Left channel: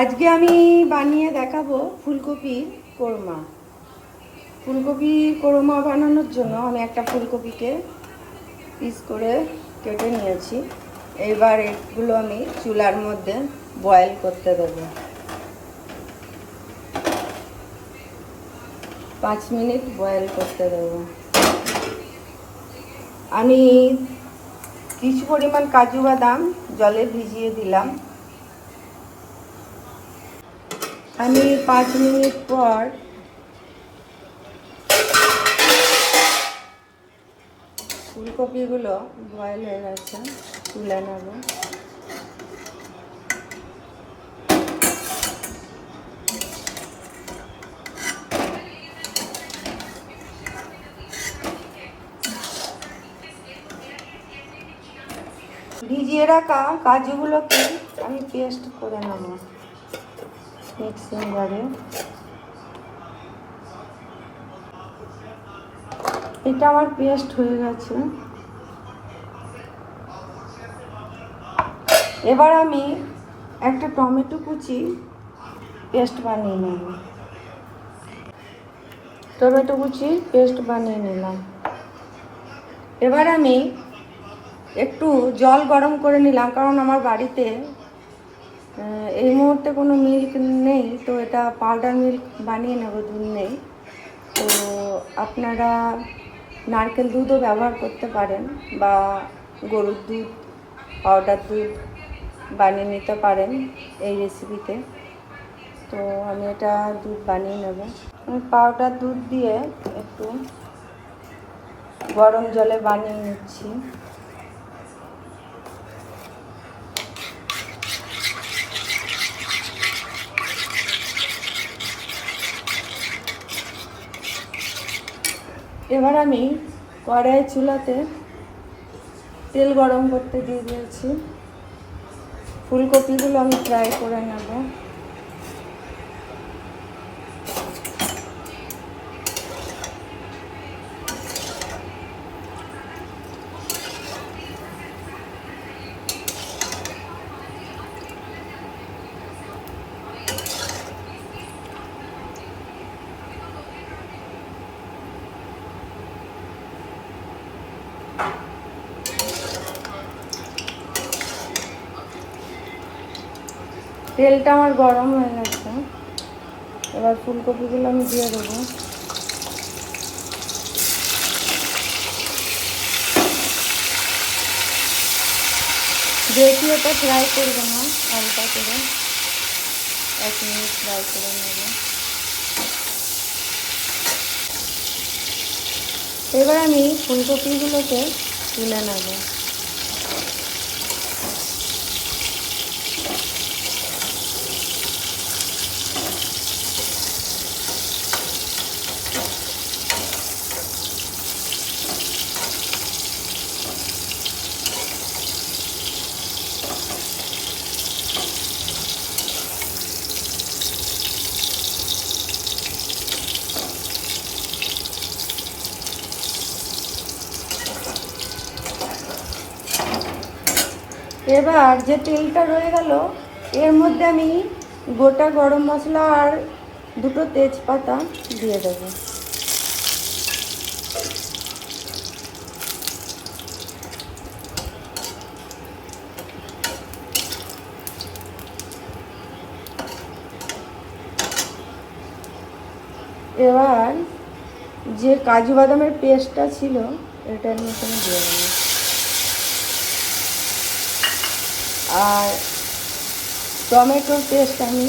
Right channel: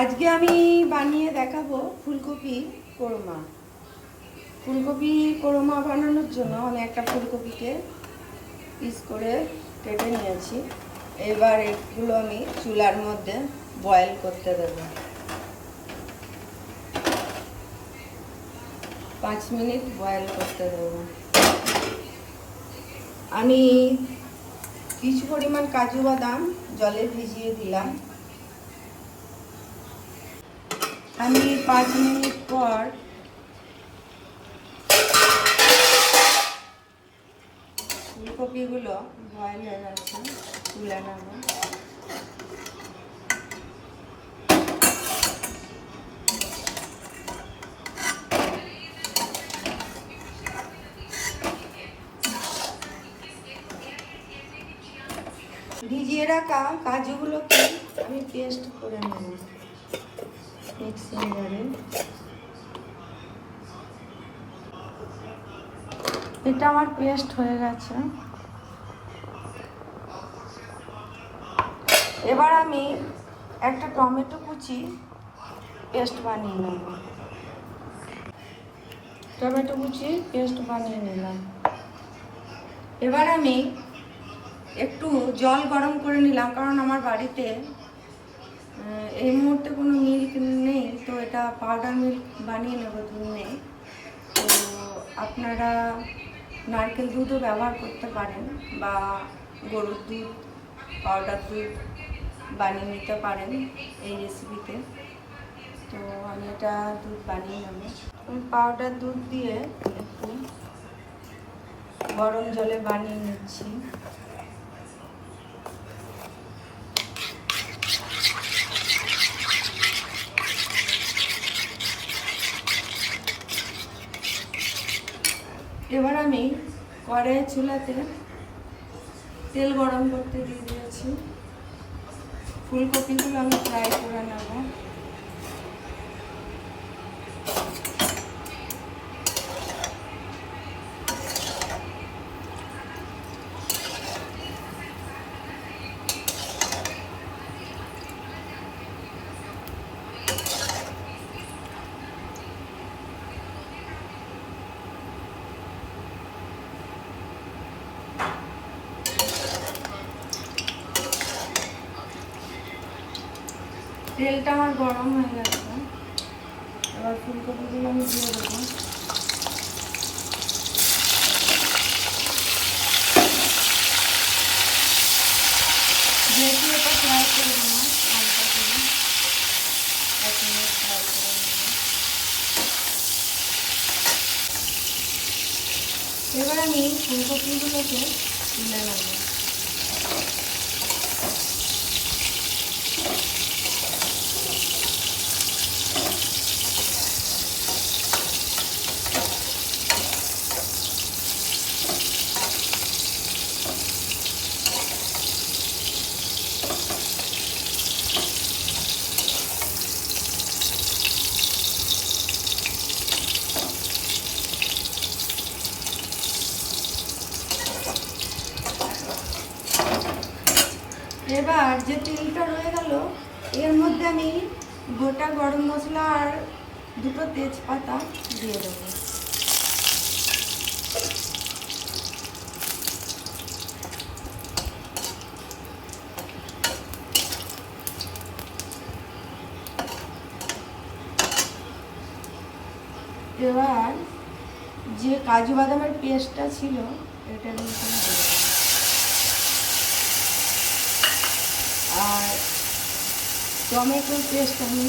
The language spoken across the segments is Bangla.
আজকে আমি বানিয়ে দেখাবো ফুলকপি কোরমা। ফুলকপি কোরমা বানানোর জন্য আমি একটা ফুলকপিকে পিস করে কেটে নিয়েছি। এবার এগুলো আমি চুলার মধ্যে বয়েল করতে দেবো। 5 মিনিট বয়েল করতে দেবো। আমি কিছু পরিমাণ কাজু বাদাম জলে ভিজিয়ে দিলাম। আমি 5 মিনিট পর ফুলকপিগুলো বয়েল হয়ে গেছে, তুলে নেব। ভিজিয়ে রাখা কাজুগুলোকে আমি পেস্ট করে নেব মিক্সিং জারে। এটা আমার পেস্ট হয়ে গেছে। এবার আমি একটা টমেটো কুচি পেস্ট বানিয়ে নেব। টমেটো কুচি পেস্ট বানিয়ে নিলাম। এবার আমি একটু জল গরম করে নিলাম, কারণ আমার বাড়িতে এই মুহূর্তে কোনো মিল্ক নেই, তো এটা পাউডার মিল্ক বানিয়ে নেব, দুধ নেই। তো আপনারা নারকেল দুধও ব্যবহার করতে পারেন বা গরুর দুধ, পাউডার দুধ বানিয়ে নিতে পারেন এই রেসিপিতে। তো আমি এটা দুধ বানিয়ে নেব। আমি পাউডার দুধ দিয়ে একটু গরম জলে বানিয়ে নিচ্ছি। এবার আমি কড়াইয়ের চুলাতে তেল গরম করতে দিয়ে দিয়েছি। ফুলকপিগুলো আমি ফ্রাই করে নেব। তেলটা আমার গরম হয়ে গেছে। এবার ফুলকপিগুলো আমি দিয়ে দেবো। বেশি এটা ফ্রাই করবেন না, হালকা করে 1 মিনিট ফ্রাই করে নেব। এবার আমি ফুলকপিগুলোকে তুলে নেব। এবার যে তেলটা রয়ে গেল, এর মধ্যে আমি গোটা গরম মশলা আর 2টো তেজপাতা দিয়ে দেবো। এবার যে কাজু বাদামের পেস্টটা ছিল এটার মধ্যে দিয়ে দেবো। আর টমেটোর পেস্ট আমি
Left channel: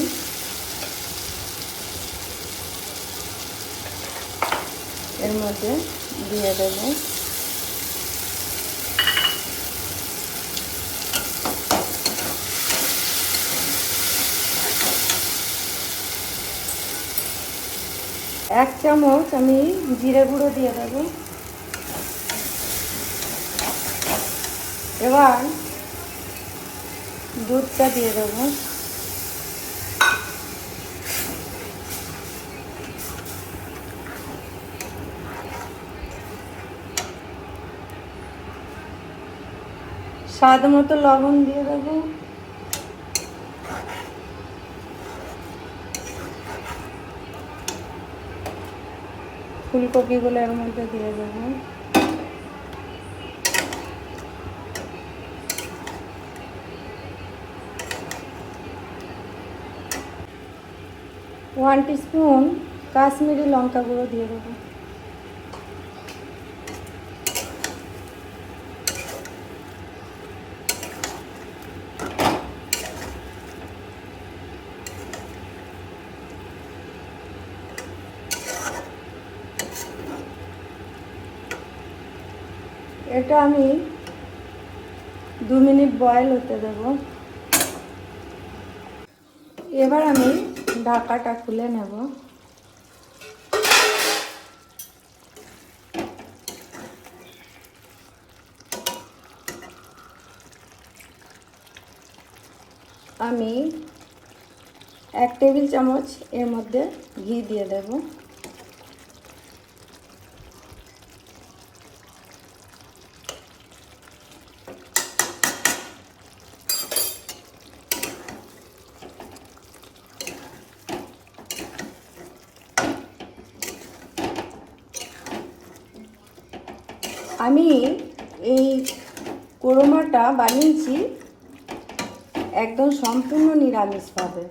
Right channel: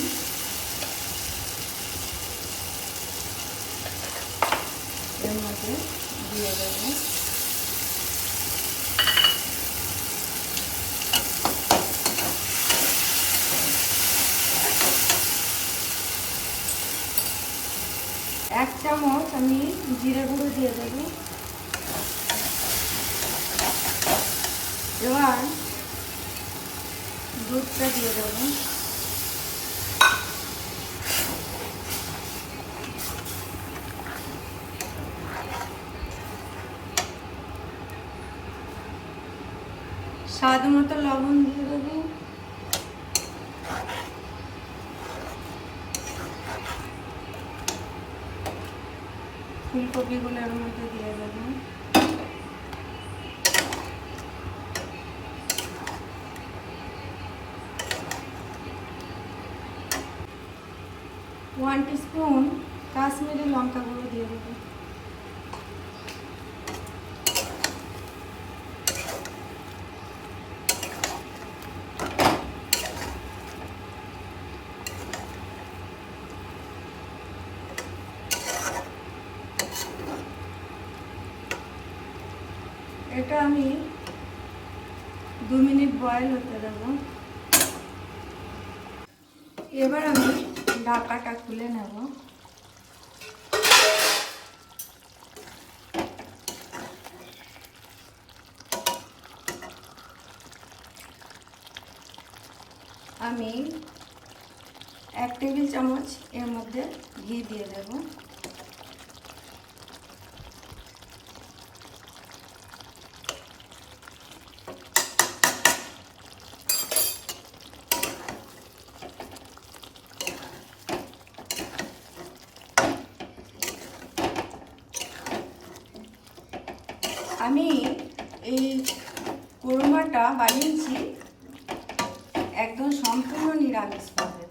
এর মধ্যে দিয়ে দেবো। এক চামচ আমি জিরে গুঁড়ো দিয়ে দেবো। এবার দুধটা দিয়ে দেবো। স্বাদ মতো লবণ দিয়ে দেবো। ফুলকপিগুলো এর মধ্যে দিয়ে দেবো। ওয়ান টিস্পুন কাশ্মীরি লঙ্কা গুঁড়ো দিয়ে দেবো। এটা আমি 2 মিনিট বয়েল হতে দেব। এবার আমি ঢাকাটা খুলে নেব। আমি 1 টেবিল চামচ এর মধ্যে ঘি দিয়ে দেব। আমি এই কোরমাটা বানিয়েছি একদম সম্পূর্ণ নিরামিষভাবে।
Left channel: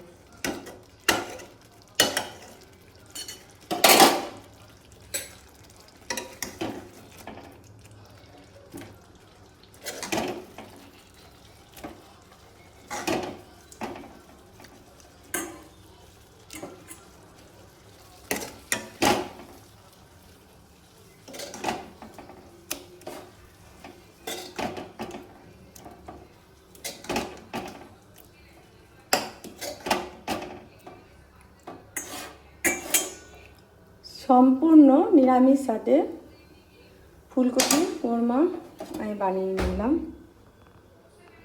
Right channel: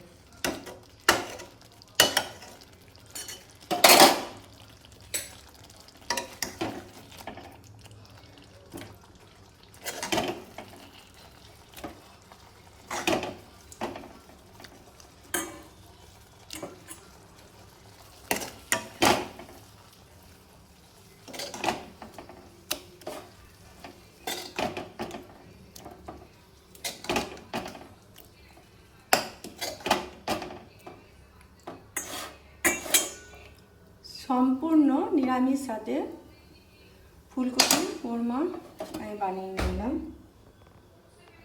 সম্পূর্ণ নিরামিষ সাথে ফুলকপি কোরমা আমি বানিয়ে নিলাম।